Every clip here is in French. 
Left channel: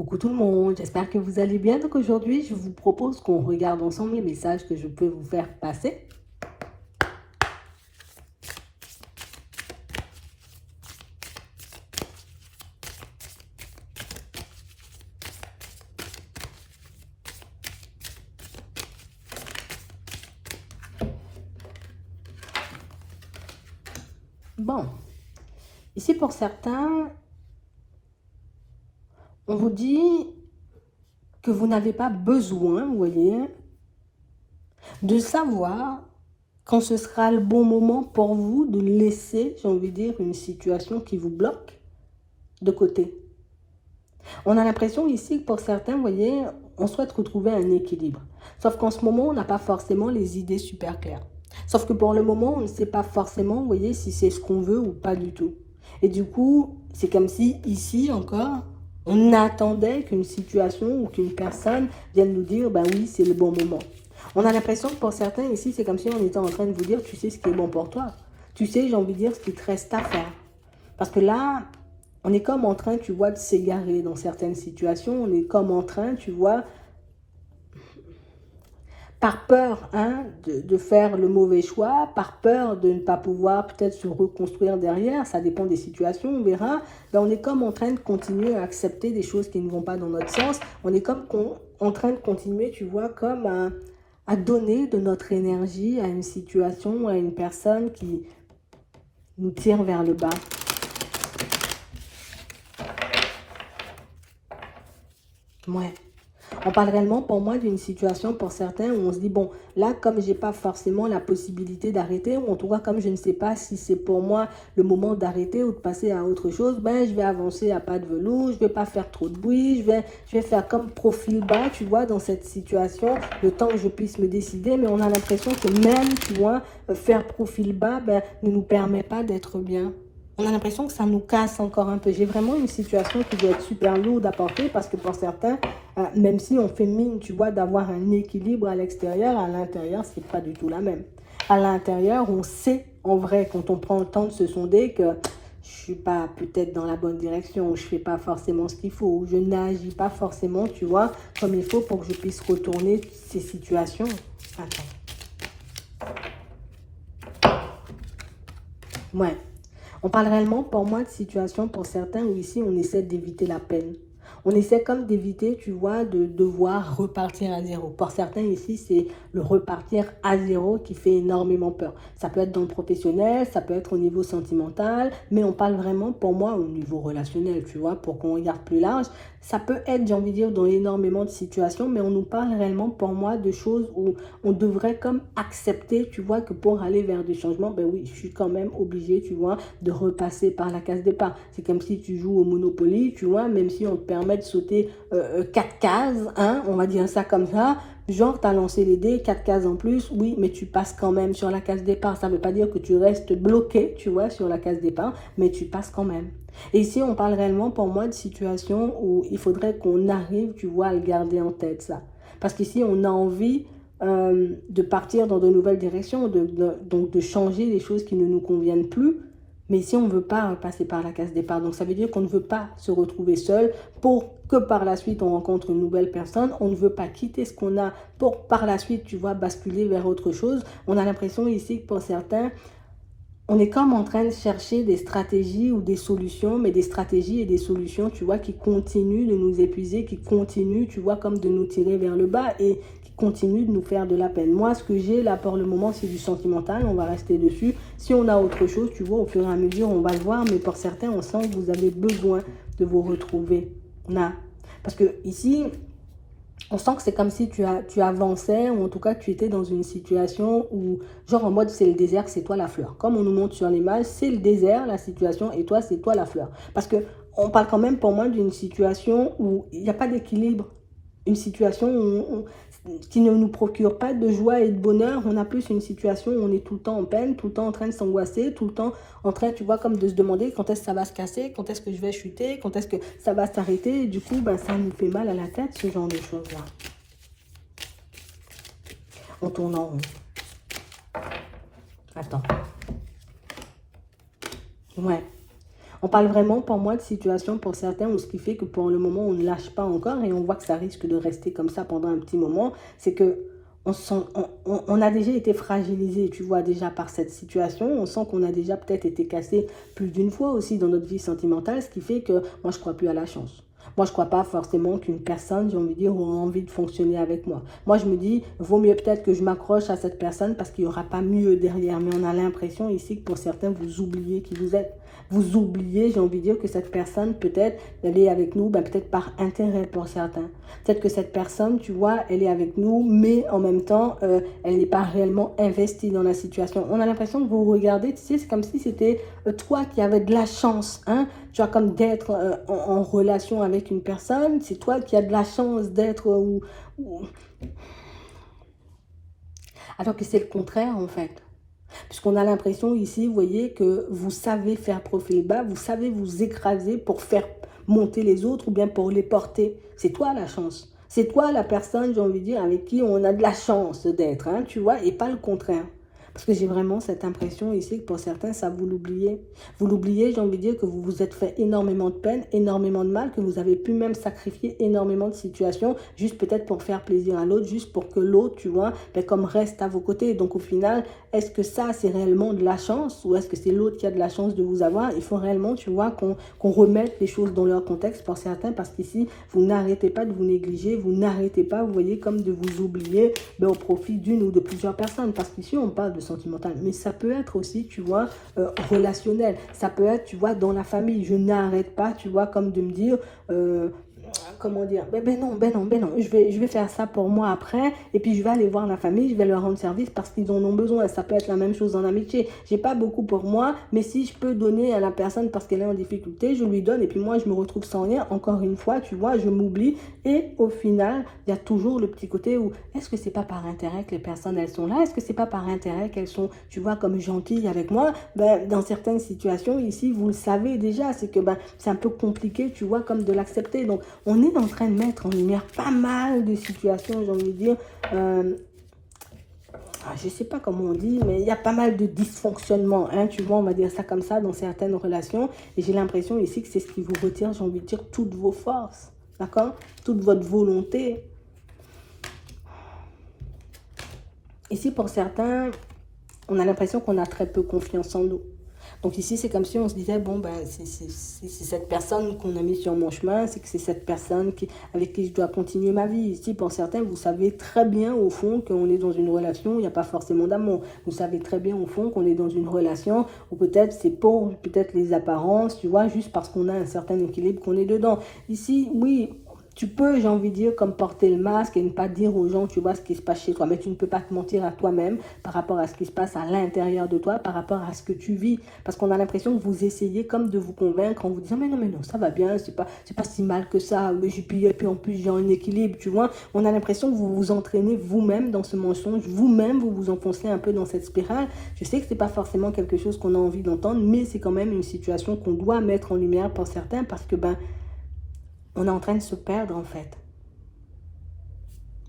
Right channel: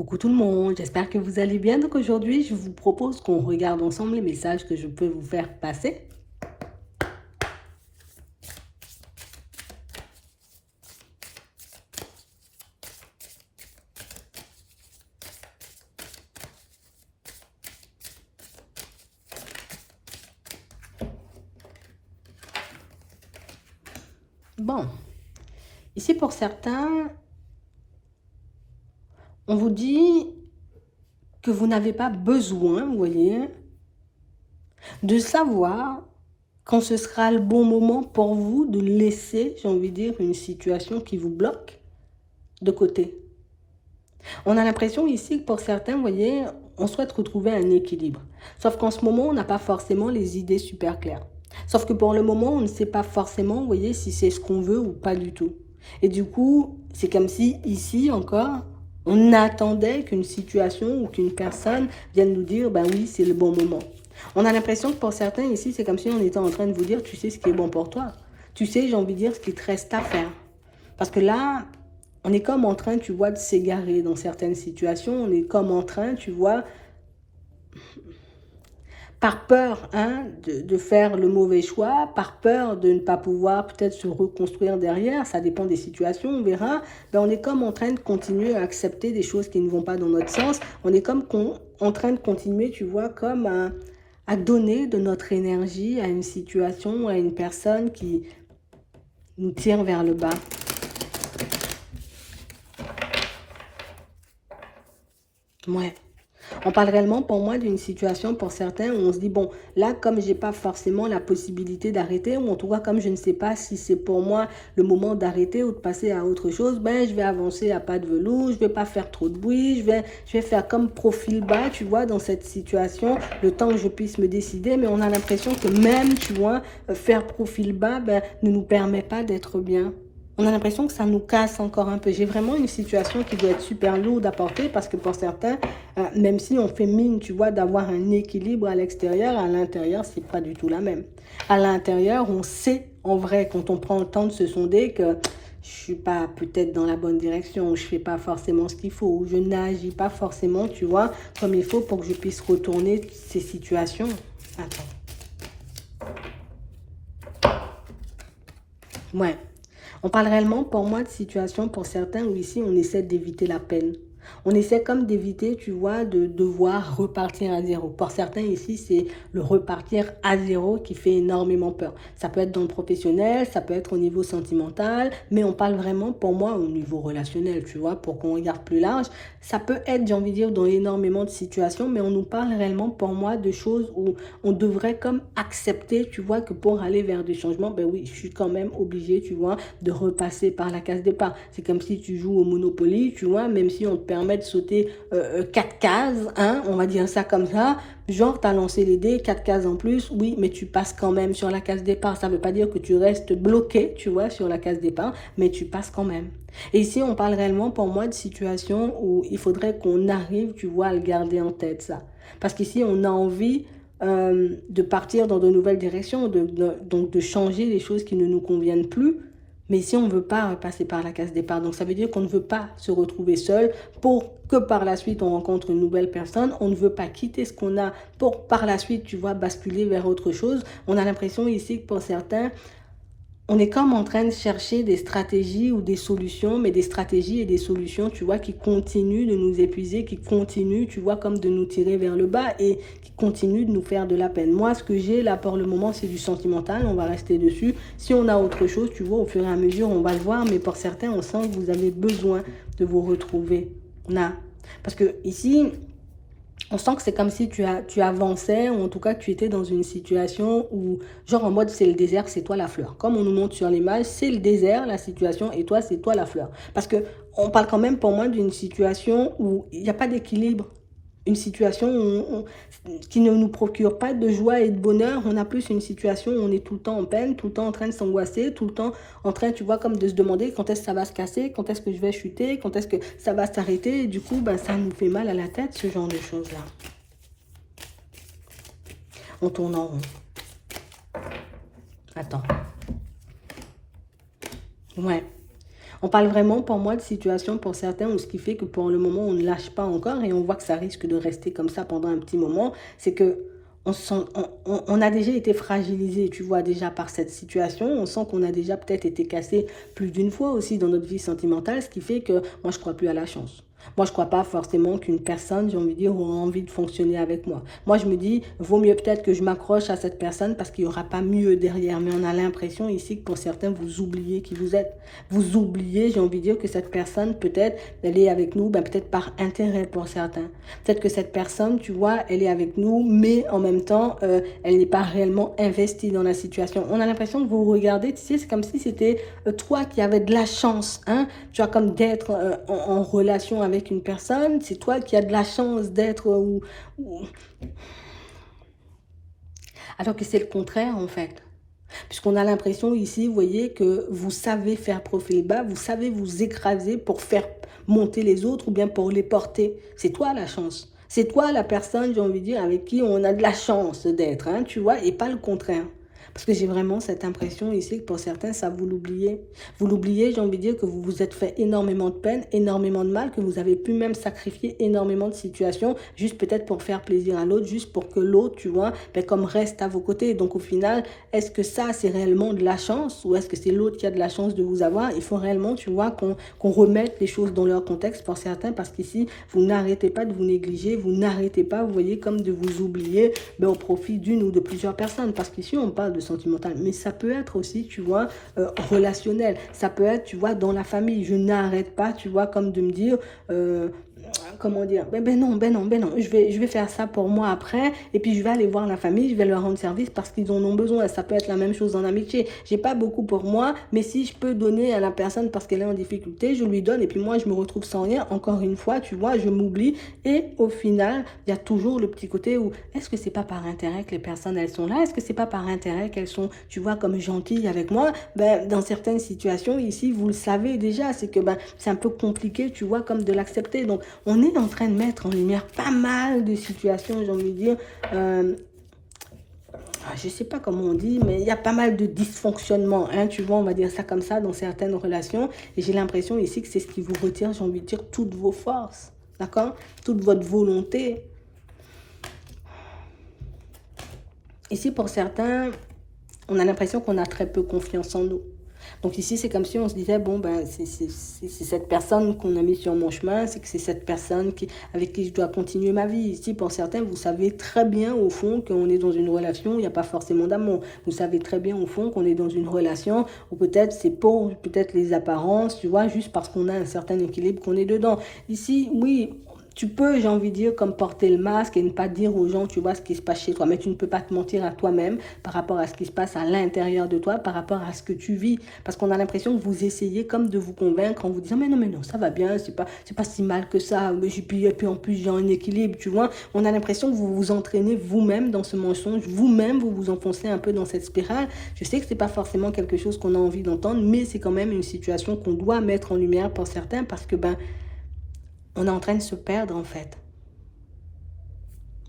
Coucou tout le monde, j'espère que vous allez bien. Donc aujourd'hui, je vous propose qu'on regarde ensemble les messages que je peux vous faire passer. Bon, ici pour certains, on vous dit que vous n'avez pas besoin, vous voyez, de savoir quand ce sera le bon moment pour vous de laisser, j'ai envie de dire, une situation qui vous bloque de côté. On a l'impression ici que pour certains, vous voyez, on souhaite retrouver un équilibre. Sauf qu'en ce moment, on n'a pas forcément les idées super claires. Sauf que pour le moment, on ne sait pas forcément, vous voyez, si c'est ce qu'on veut ou pas du tout. Et du coup, c'est comme si ici encore, on attendait qu'une situation ou qu'une personne vienne nous dire, ben oui, c'est le bon moment. On a l'impression que pour certains ici, c'est comme si on était en train de vous dire, tu sais ce qui est bon pour toi. Tu sais, j'ai envie de dire, ce qui te reste à faire. Parce que là, on est comme en train, tu vois, de s'égarer dans certaines situations. On est comme en train, tu vois, par peur de faire le mauvais choix, par peur de ne pas pouvoir peut-être se reconstruire derrière, ça dépend des situations, on verra, ben on est comme en train de continuer à accepter des choses qui ne vont pas dans notre sens. On est comme en train de continuer, tu vois, comme à donner de notre énergie à une situation, à une personne qui nous tire vers le bas. Ouais. On parle réellement pour moi d'une situation pour certains où on se dit, bon, là, comme j'ai pas forcément la possibilité d'arrêter, ou en tout cas, comme je ne sais pas si c'est pour moi le moment d'arrêter ou de passer à autre chose, ben, je vais avancer à pas de velours, je vais pas faire trop de bruit, je vais faire comme profil bas, tu vois, dans cette situation, le temps que je puisse me décider, mais on a l'impression que même, tu vois, faire profil bas, ben, ne nous permet pas d'être bien. On a l'impression que ça nous casse encore un peu. J'ai vraiment une situation qui doit être super lourde à porter parce que pour certains, même si on fait mine, tu vois, d'avoir un équilibre à l'intérieur, c'est pas du tout la même. À l'intérieur, on sait en vrai, quand on prend le temps de se sonder, que je suis pas peut-être dans la bonne direction, je fais pas forcément ce qu'il faut, je n'agis pas forcément, tu vois, comme il faut pour que je puisse retourner ces situations. Attends. Ouais. On parle réellement pour moi de situation pour certains où ici on essaie d'éviter la peine. On essaie comme d'éviter, tu vois, de devoir repartir à zéro. Pour certains ici, c'est le repartir à zéro qui fait énormément peur. Ça peut être dans le professionnel, ça peut être au niveau sentimental, mais on parle vraiment pour moi au niveau relationnel, tu vois, pour qu'on regarde plus large. Ça peut être, j'ai envie de dire, dans énormément de situations, mais on nous parle réellement pour moi de choses où on devrait comme accepter, tu vois, que pour aller vers des changements, ben oui, je suis quand même obligée, tu vois, de repasser par la case départ. C'est comme si tu joues au Monopoly, tu vois, même si on te permet de sauter 4 cases, hein, on va dire ça comme ça, genre tu as lancé les dés, 4 cases en plus, oui, mais tu passes quand même sur la case départ. Ça ne veut pas dire que tu restes bloqué, tu vois, sur la case départ, mais tu passes quand même. Et ici, on parle réellement pour moi de situations où il faudrait qu'on arrive, tu vois, à le garder en tête, ça. Parce qu'ici, on a envie de partir dans de nouvelles directions, donc de changer les choses qui ne nous conviennent plus. Mais si on ne veut pas passer par la case départ, donc ça veut dire qu'on ne veut pas se retrouver seul pour que par la suite on rencontre une nouvelle personne. On ne veut pas quitter ce qu'on a pour par la suite, tu vois, basculer vers autre chose. On a l'impression ici que pour certains, on est comme en train de chercher des stratégies ou des solutions, mais des stratégies et des solutions, tu vois, qui continuent de nous épuiser, qui continuent, tu vois, comme de nous tirer vers le bas et qui continuent de nous faire de la peine. Moi, ce que j'ai là pour le moment, c'est du sentimental, on va rester dessus. Si on a autre chose, tu vois, au fur et à mesure, on va le voir, mais pour certains, on sent que vous avez besoin de vous retrouver là. Parce que ici, on sent que c'est comme si tu avançais, ou en tout cas tu étais dans une situation où, genre en mode c'est le désert, c'est toi la fleur. Comme on nous montre sur l'image, c'est le désert, la situation, et toi, c'est toi la fleur. Parce que on parle quand même pour moi d'une situation où il n'y a pas d'équilibre. Une situation qui ne nous procure pas de joie et de bonheur. On a plus une situation où on est tout le temps en peine, tout le temps en train de s'angoisser, tout le temps en train, tu vois, comme de se demander quand est-ce que ça va se casser, quand est-ce que je vais chuter, quand est-ce que ça va s'arrêter. Du coup, ben, ça nous fait mal à la tête, ce genre de choses-là. On tourne en rond. Attends. Ouais. On parle vraiment pour moi de situation pour certains où ce qui fait que pour le moment on ne lâche pas encore et on voit que ça risque de rester comme ça pendant un petit moment, c'est que on a déjà été fragilisé, tu vois, déjà par cette situation. On sent qu'on a déjà peut-être été cassé plus d'une fois aussi dans notre vie sentimentale, ce qui fait que moi, je crois plus à la chance. Moi, je crois pas forcément qu'une personne, j'ai envie de dire, aura envie de fonctionner avec moi. Moi, je me dis, vaut mieux peut-être que je m'accroche à cette personne parce qu'il n'y aura pas mieux derrière. Mais on a l'impression ici que pour certains, vous oubliez qui vous êtes. Vous oubliez, j'ai envie de dire, que cette personne, peut-être, elle est avec nous, ben, peut-être par intérêt pour certains. Peut-être que cette personne, tu vois, elle est avec nous, mais en même temps, elle n'est pas réellement investie dans la situation. On a l'impression que vous regardez, tu sais, c'est comme si c'était toi qui avais de la chance, hein, tu vois, comme d'être en relation avec une personne, c'est toi qui as de la chance d'être alors que c'est le contraire en fait. Puisqu'on a l'impression ici, vous voyez, que vous savez faire profil bas, vous savez vous écraser pour faire monter les autres ou bien pour les porter. C'est toi la chance. C'est toi la personne, j'ai envie de dire, avec qui on a de la chance d'être, hein, tu vois, et pas le contraire. Parce que j'ai vraiment cette impression ici que pour certains, ça vous l'oubliez. Vous l'oubliez, j'ai envie de dire que vous vous êtes fait énormément de peine, énormément de mal, que vous avez pu même sacrifier énormément de situations, juste peut-être pour faire plaisir à l'autre, juste pour que l'autre, tu vois, ben, comme reste à vos côtés. Donc au final, est-ce que ça, c'est réellement de la chance ou est-ce que c'est l'autre qui a de la chance de vous avoir? Il faut réellement, tu vois, qu'on remette les choses dans leur contexte pour certains parce qu'ici, vous n'arrêtez pas de vous négliger, vous n'arrêtez pas, vous voyez, comme de vous oublier ben, au profit d'une ou de plusieurs personnes. Parce qu'ici, on parle de sentimental, mais ça peut être aussi, tu vois, relationnel. Ça peut être, tu vois, dans la famille. Je n'arrête pas, tu vois, comme de me dire, comment dire, ben non, je vais faire ça pour moi après, et puis je vais aller voir la famille, je vais leur rendre service parce qu'ils en ont besoin. Ça peut être la même chose en amitié. J'ai pas beaucoup pour moi, mais si je peux donner à la personne parce qu'elle est en difficulté, je lui donne, et puis moi je me retrouve sans rien. Encore une fois, tu vois, je m'oublie, et au final, il y a toujours le petit côté où, est-ce que c'est pas par intérêt que les personnes, elles sont là? Est-ce que c'est pas par intérêt qu'elles sont, tu vois, comme gentilles avec moi? Ben, dans certaines situations, ici, vous le savez déjà, c'est que ben, c'est un peu compliqué, tu vois, comme de l'accepter. Donc, on est en train de mettre en lumière pas mal de situations, j'ai envie de dire, je ne sais pas comment on dit, mais il y a pas mal de dysfonctionnements, hein, tu vois, on va dire ça comme ça, dans certaines relations. Et j'ai l'impression ici que c'est ce qui vous retire, j'ai envie de dire, toutes vos forces, d'accord? Toute votre volonté. Ici, pour certains, on a l'impression qu'on a très peu confiance en nous. Donc ici, c'est comme si on se disait, bon, ben, c'est cette personne qu'on a mis sur mon chemin, c'est que c'est cette personne avec qui je dois continuer ma vie. Ici, pour certains, vous savez très bien, au fond, qu'on est dans une relation où il n'y a pas forcément d'amour. Vous savez très bien, au fond, qu'on est dans une relation où peut-être c'est pour peut-être les apparences, tu vois, juste parce qu'on a un certain équilibre qu'on est dedans. Ici, oui, tu peux, j'ai envie de dire, comme porter le masque et ne pas dire aux gens, tu vois, ce qui se passe chez toi. Mais tu ne peux pas te mentir à toi-même par rapport à ce qui se passe à l'intérieur de toi, par rapport à ce que tu vis. Parce qu'on a l'impression que vous essayez comme de vous convaincre en vous disant, mais non, ça va bien, c'est pas si mal que ça. Et puis en plus, j'ai un équilibre, tu vois. On a l'impression que vous vous entraînez vous-même dans ce mensonge. Vous-même, vous vous enfoncez un peu dans cette spirale. Je sais que c'est pas forcément quelque chose qu'on a envie d'entendre, mais c'est quand même une situation qu'on doit mettre en lumière pour certains parce que, ben, on est en train de se perdre en fait.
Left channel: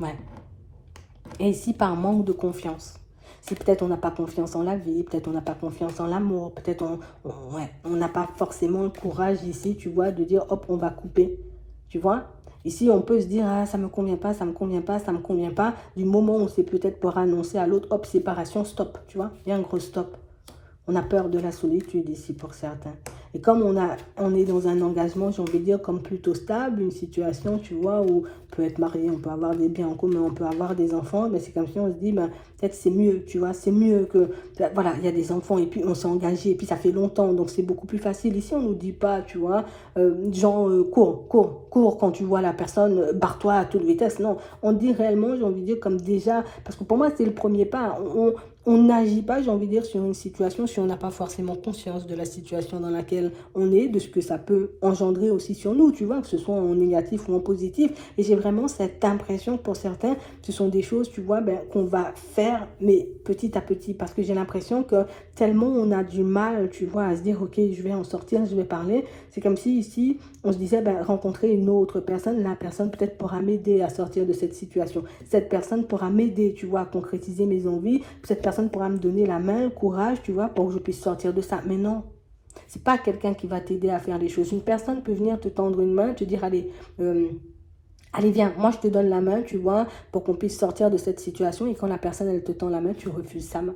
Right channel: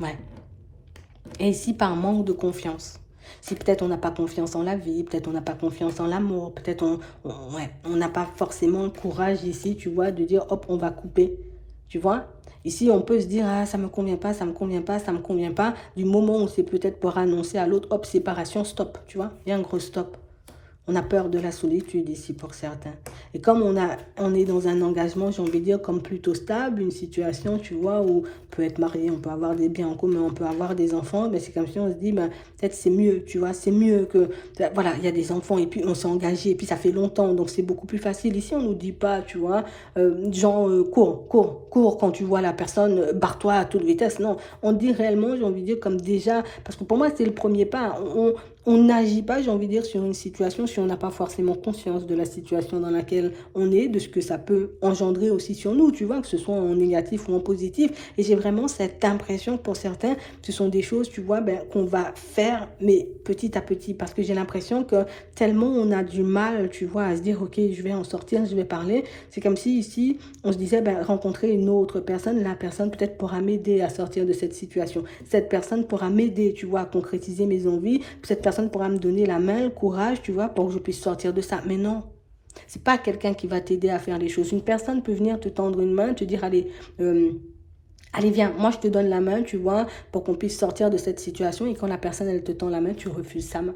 Ouais. Et ici, par manque de confiance. Si peut-être on n'a pas confiance en la vie, peut-être on n'a pas confiance en l'amour, peut-être on n'a pas forcément le courage ici, tu vois, de dire hop, on va couper. Tu vois? Ici, on peut se dire, ah, ça me convient pas, ça me convient pas, ça me convient pas. Du moment où c'est peut-être pour annoncer à l'autre, hop, séparation, stop, tu vois? Il y a un gros stop. On a peur de la solitude ici pour certains. Et comme on est dans un engagement, j'ai envie de dire, comme plutôt stable, une situation, tu vois, où on peut être marié, on peut avoir des biens en commun, on peut avoir des enfants, mais c'est comme si on se dit, ben, peut-être c'est mieux, tu vois, c'est mieux que, voilà, il y a des enfants et puis on s'est engagé et puis ça fait longtemps, donc c'est beaucoup plus facile. Ici, on nous dit pas, tu vois, genre, cours quand tu vois la personne, barre-toi à toute vitesse. Non, on dit réellement, j'ai envie de dire, comme déjà, parce que pour moi, c'est le premier pas. On n'agit pas, j'ai envie de dire, sur une situation si on n'a pas forcément conscience de la situation dans laquelle on est, de ce que ça peut engendrer aussi sur nous, tu vois, que ce soit en négatif ou en positif. Et j'ai vraiment cette impression que pour certains, ce sont des choses, tu vois, ben, qu'on va faire, mais petit à petit, parce que j'ai l'impression que tellement on a du mal, tu vois, à se dire, ok, je vais en sortir, je vais parler. C'est comme si ici, on se disait, ben, rencontrer une autre personne, la personne peut-être pourra m'aider à sortir de cette situation. Cette personne pourra m'aider, tu vois, à concrétiser mes envies. Cette personne pourra me donner la main, le courage, tu vois, pour que je puisse sortir de ça. Mais non, C'est pas quelqu'un qui va t'aider à faire les choses. Une personne peut venir te tendre une main, te dire, allez, allez, viens, moi je te donne la main, tu vois, pour qu'on puisse sortir de cette situation. Et quand la personne, elle te tend la main, tu refuses sa main.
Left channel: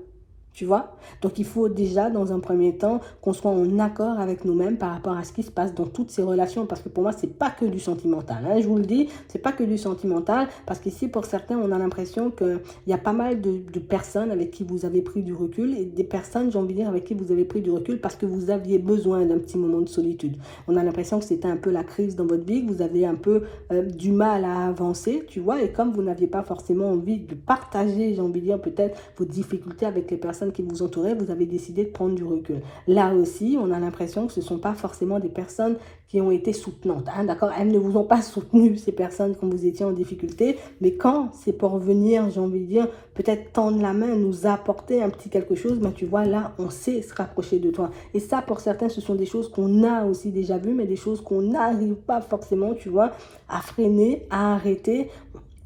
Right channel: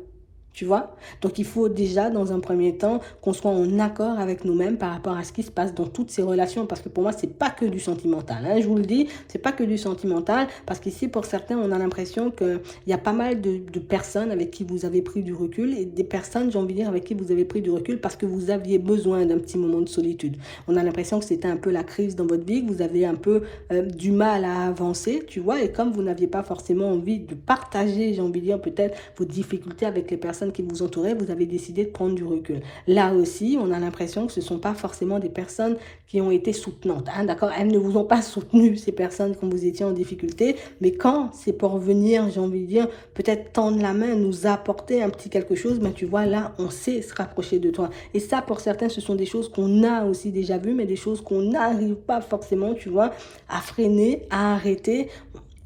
Tu vois? Donc, il faut déjà, dans un premier temps, qu'on soit en accord avec nous-mêmes par rapport à ce qui se passe dans toutes ces relations. Parce que pour moi, c'est pas que du sentimental. Hein, je vous le dis, c'est pas que du sentimental. Parce qu'ici, pour certains, on a l'impression qu'il y a pas mal de personnes avec qui vous avez pris du recul. Et des personnes, j'ai envie de dire, avec qui vous avez pris du recul parce que vous aviez besoin d'un petit moment de solitude. On a l'impression que c'était un peu la crise dans votre vie, que vous avez un peu du mal à avancer, tu vois. Et comme vous n'aviez pas forcément envie de partager, j'ai envie de dire, peut-être vos difficultés avec les personnes qui vous entouraient, vous avez décidé de prendre du recul. Là aussi, on a l'impression que ce ne sont pas forcément des personnes qui ont été soutenantes. Hein, d'accord? Elles ne vous ont pas soutenu, ces personnes, quand vous étiez en difficulté. Mais quand c'est pour venir, j'ai envie de dire, peut-être tendre la main, nous apporter un petit quelque chose, ben tu vois, là, on sait se rapprocher de toi. Et ça, pour certains, ce sont des choses qu'on a aussi déjà vues, mais des choses qu'on n'arrive pas forcément, tu vois, à freiner, à arrêter.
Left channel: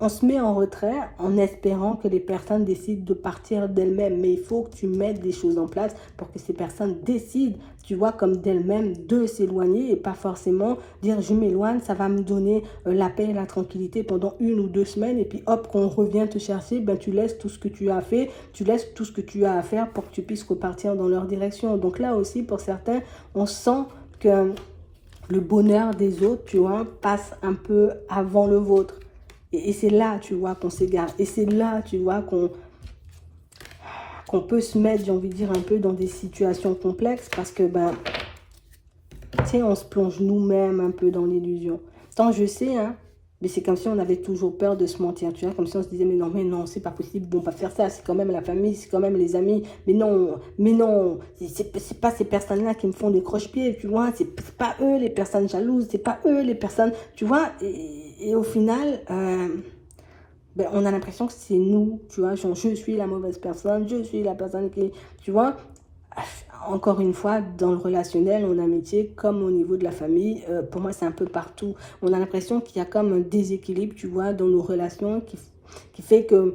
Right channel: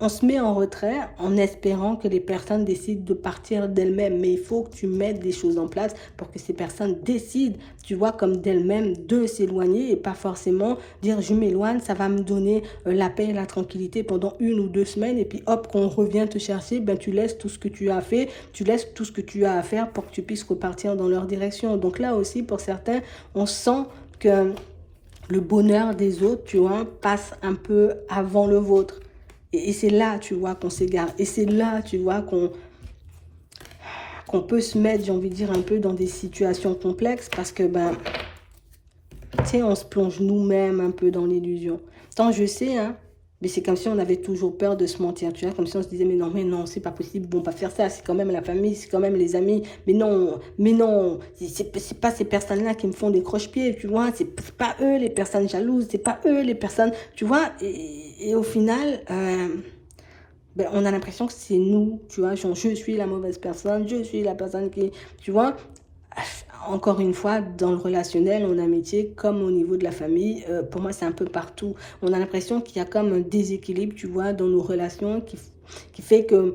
On se met en retrait en espérant que les personnes décident de partir d'elles-mêmes. Mais il faut que tu mettes des choses en place pour que ces personnes décident, tu vois, comme d'elles-mêmes, de s'éloigner et pas forcément dire je m'éloigne, ça va me donner la paix et la tranquillité pendant 1 ou 2 semaines. Et puis hop, quand on revient te chercher, ben, tu laisses tout ce que tu as fait, tu laisses tout ce que tu as à faire pour que tu puisses repartir dans leur direction. Donc là aussi, pour certains, on sent que le bonheur des autres, tu vois, passe un peu avant le vôtre. Et c'est là, tu vois, qu'on s'égare. Et c'est là, tu vois, qu'on peut se mettre, j'ai envie de dire, un peu dans des situations complexes parce que, ben, tu sais, on se plonge nous-mêmes un peu dans l'illusion. Tant je sais, hein, mais c'est comme si on avait toujours peur de se mentir, tu vois, comme si on se disait, mais non, c'est pas possible, on va faire ça, c'est quand même la famille, c'est quand même les amis, mais non, c'est pas ces personnes-là qui me font des croche-pieds, tu vois, c'est pas eux les personnes jalouses, c'est pas eux les personnes, tu vois, et au final, ben, on a l'impression que c'est nous, tu vois, genre, je suis la mauvaise personne, je suis la personne qui, tu vois, encore une fois, dans le relationnel, en amitié, comme au niveau de la famille, pour moi, c'est un peu partout. On a l'impression qu'il y a comme un déséquilibre, tu vois, dans nos relations qui fait que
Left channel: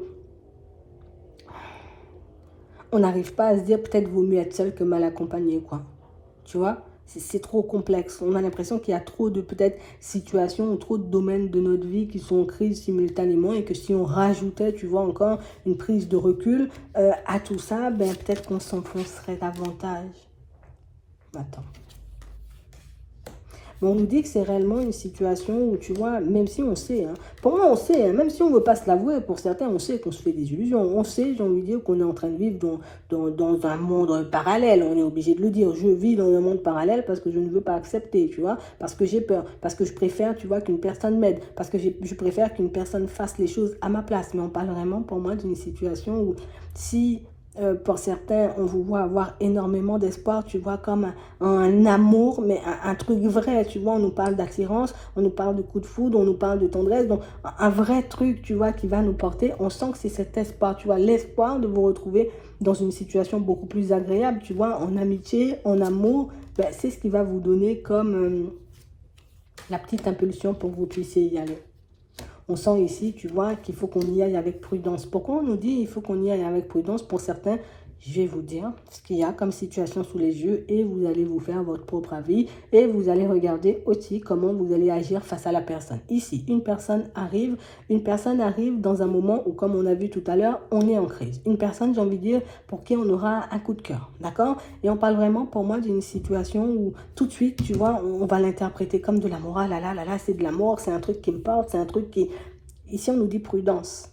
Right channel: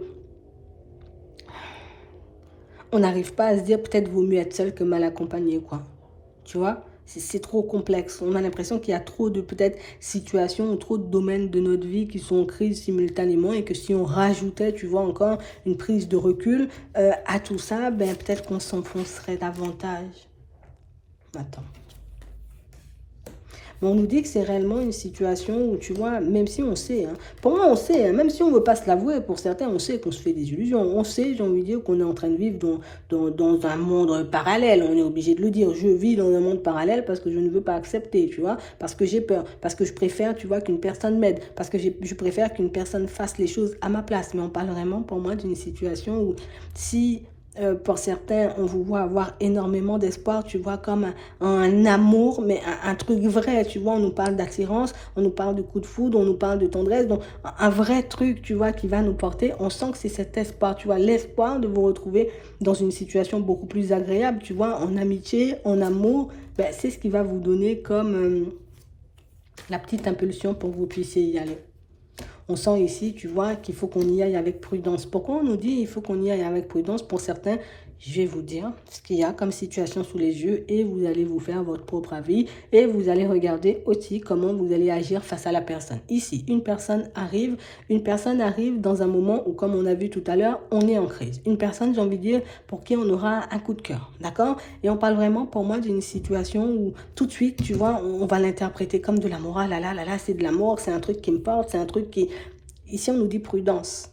on n'arrive pas à se dire peut-être vaut mieux être seul que mal accompagné, quoi. Tu vois? C'est trop complexe. On a l'impression qu'il y a trop de peut-être situations ou trop de domaines de notre vie qui sont en crise simultanément et que si on rajoutait, tu vois, encore une prise de recul à tout ça, ben peut-être qu'on s'enfoncerait davantage. Attends. Mais on nous dit que c'est réellement une situation où, tu vois, même si on sait, hein, pour moi on sait, hein, même si on ne veut pas se l'avouer, pour certains on sait qu'on se fait des illusions, on sait, j'ai envie de dire, qu'on est en train de vivre dans un monde parallèle, on est obligé de le dire, je vis dans un monde parallèle parce que je ne veux pas accepter, tu vois, parce que j'ai peur, parce que je préfère, tu vois, qu'une personne m'aide, parce que je préfère qu'une personne fasse les choses à ma place, mais on parle vraiment pour moi d'une situation où si pour certains, on vous voit avoir énormément d'espoir, tu vois, comme un amour, mais un truc vrai, tu vois, on nous parle d'attirance, on nous parle de coup de foudre, on nous parle de tendresse, donc un vrai truc, tu vois, qui va nous porter, on sent que c'est cet espoir, tu vois, l'espoir de vous retrouver dans une situation beaucoup plus agréable, tu vois, en amitié, en amour, ben, c'est ce qui va vous donner comme la petite impulsion pour que vous puissiez y aller. On sent ici, tu vois, qu'il faut qu'on y aille avec prudence. Pourquoi on nous dit qu'il faut qu'on y aille avec prudence? Pour certains, je vais vous dire ce qu'il y a comme situation sous les yeux et vous allez vous faire votre propre avis et vous allez regarder aussi comment vous allez agir face à la personne. Ici, une personne arrive dans un moment où, comme on a vu tout à l'heure, on est en crise. Une personne, j'ai envie de dire, pour qui on aura un coup de cœur, d'accord? Et on parle vraiment pour moi d'une situation où tout de suite, tu vois, on va l'interpréter comme de l'amour. Ah là, c'est de l'amour, c'est un truc qui me porte, c'est un truc qui... Ici, on nous dit prudence.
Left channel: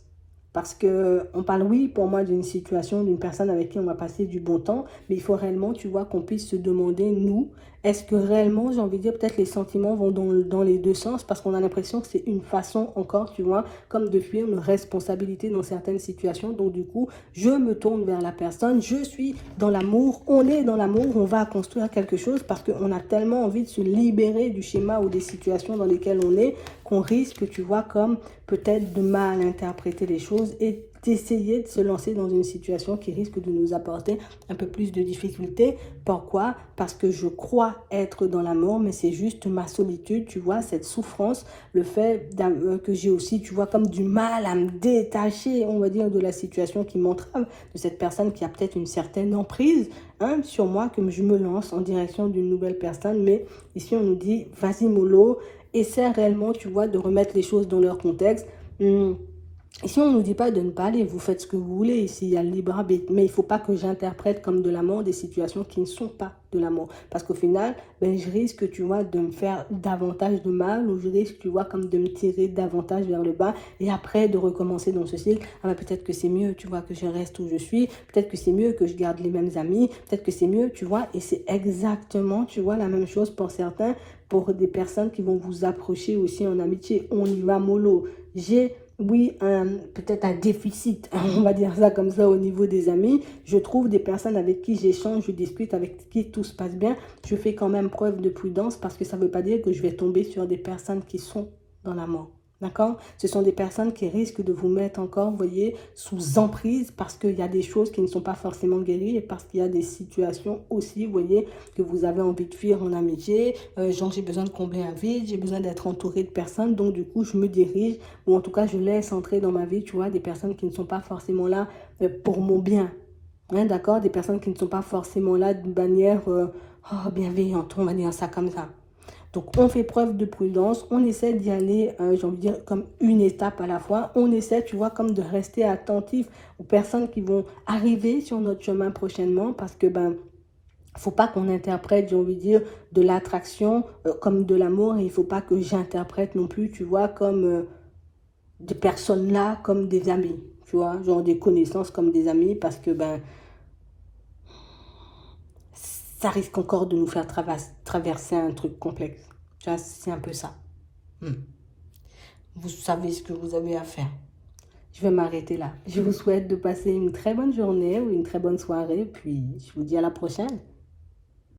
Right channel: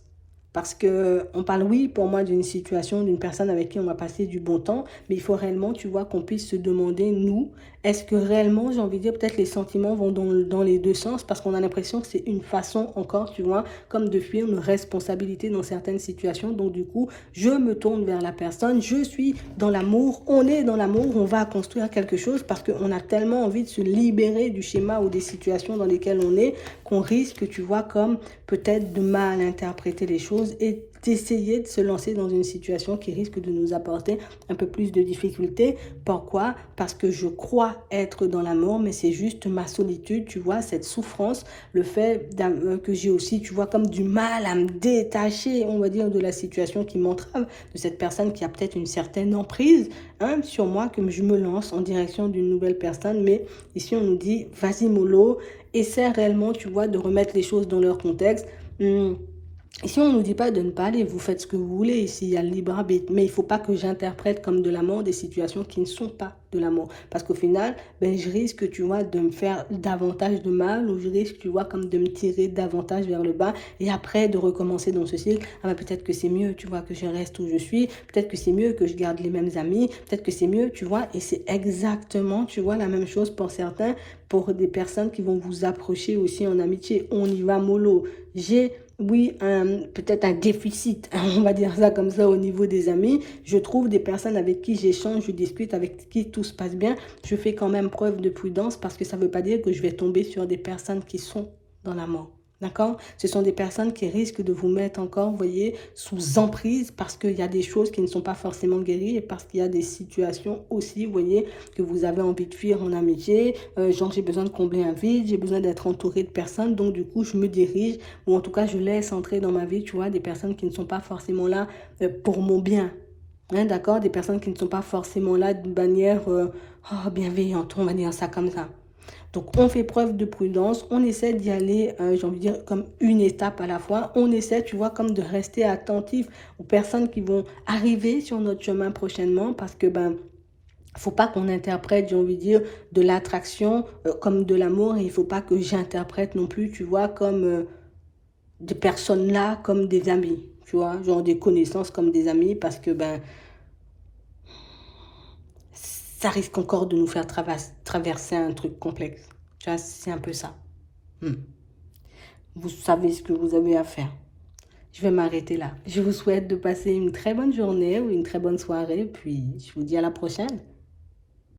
Parce que on parle, oui, pour moi, d'une situation, d'une personne avec qui on va passer du bon temps, mais il faut réellement, tu vois, qu'on puisse se demander, nous, est-ce que réellement, j'ai envie de dire, peut-être les sentiments vont dans les deux sens, parce qu'on a l'impression que c'est une façon encore, tu vois, comme de fuir une responsabilité dans certaines situations. Donc, du coup, je me tourne vers la personne, je suis dans l'amour, on est dans l'amour, on va construire quelque chose, parce qu'on a tellement envie de se libérer du schéma ou des situations dans lesquelles on est, qu'on risque, tu vois, comme peut-être de mal interpréter les choses et d'essayer de se lancer dans une situation qui risque de nous apporter un peu plus de difficultés. Pourquoi? Parce que je crois être dans la mort, mais c'est juste ma solitude, tu vois, cette souffrance, le fait que j'ai aussi, tu vois, comme du mal à me détacher, on va dire, de la situation qui m'entrave, de cette personne qui a peut-être une certaine emprise, hein, sur moi, que je me lance en direction d'une nouvelle personne. Mais ici, on nous dit, vas-y mollo, essaie réellement, tu vois, de remettre les choses dans leur contexte. Ici, on ne nous dit pas de ne pas aller, vous faites ce que vous voulez, ici, il y a le libre arbitre, mais il ne faut pas que j'interprète comme de la mort des situations qui ne sont pas de la mort. Parce qu'au final, ben, je risque, tu vois, de me faire davantage de mal, ou je risque, tu vois, comme de me tirer davantage vers le bas, et après de recommencer dans ce cycle. Ah ben, peut-être que c'est mieux, tu vois, que je reste où je suis, peut-être que c'est mieux que je garde les mêmes amis, peut-être que c'est mieux, tu vois, et c'est exactement, tu vois, la même chose pour certains, pour des personnes qui vont vous approcher aussi en amitié. On y va mollo. Oui, peut-être un déficit, on va dire ça comme ça au niveau des amis. Je trouve des personnes avec qui j'échange, je discute, avec qui tout se passe bien. Je fais quand même preuve de prudence parce que ça ne veut pas dire que je vais tomber sur des personnes qui sont dans la mort. D'accord? Ce sont des personnes qui risquent de vous mettre encore, vous voyez, sous emprise parce qu'il y a des choses qui ne sont pas forcément guéries et parce qu'il y a des situations aussi, vous voyez, que vous avez envie de fuir en amitié. Genre, j'ai besoin de combler un vide, j'ai besoin d'être entouré de personnes. Donc, du coup, je me dirige ou en tout cas, je laisse entrer dans ma vie, tu vois, des personnes qui ne sont pas forcément là pour mon bien. Hein, d'accord? Des personnes qui ne sont pas forcément là d'une manière bienveillante, on va dire ça comme ça. Donc, on fait preuve de prudence, on essaie d'y aller, j'ai envie de dire, comme une étape à la fois. On essaie, tu vois, comme de rester attentif aux personnes qui vont arriver sur notre chemin prochainement parce que, ben, faut pas qu'on interprète, j'ai envie de dire, de l'attraction comme de l'amour et il faut pas que j'interprète non plus, tu vois, comme des personnes là comme des amis, tu vois, genre des connaissances comme des amis parce que, ben, ça risque encore de nous faire traverser un truc complexe. Tu vois, c'est un peu ça. Hmm. Vous savez ce que vous avez à faire. Je vais m'arrêter là. Je vous souhaite de passer une très bonne journée ou une très bonne soirée, puis je vous dis à la prochaine.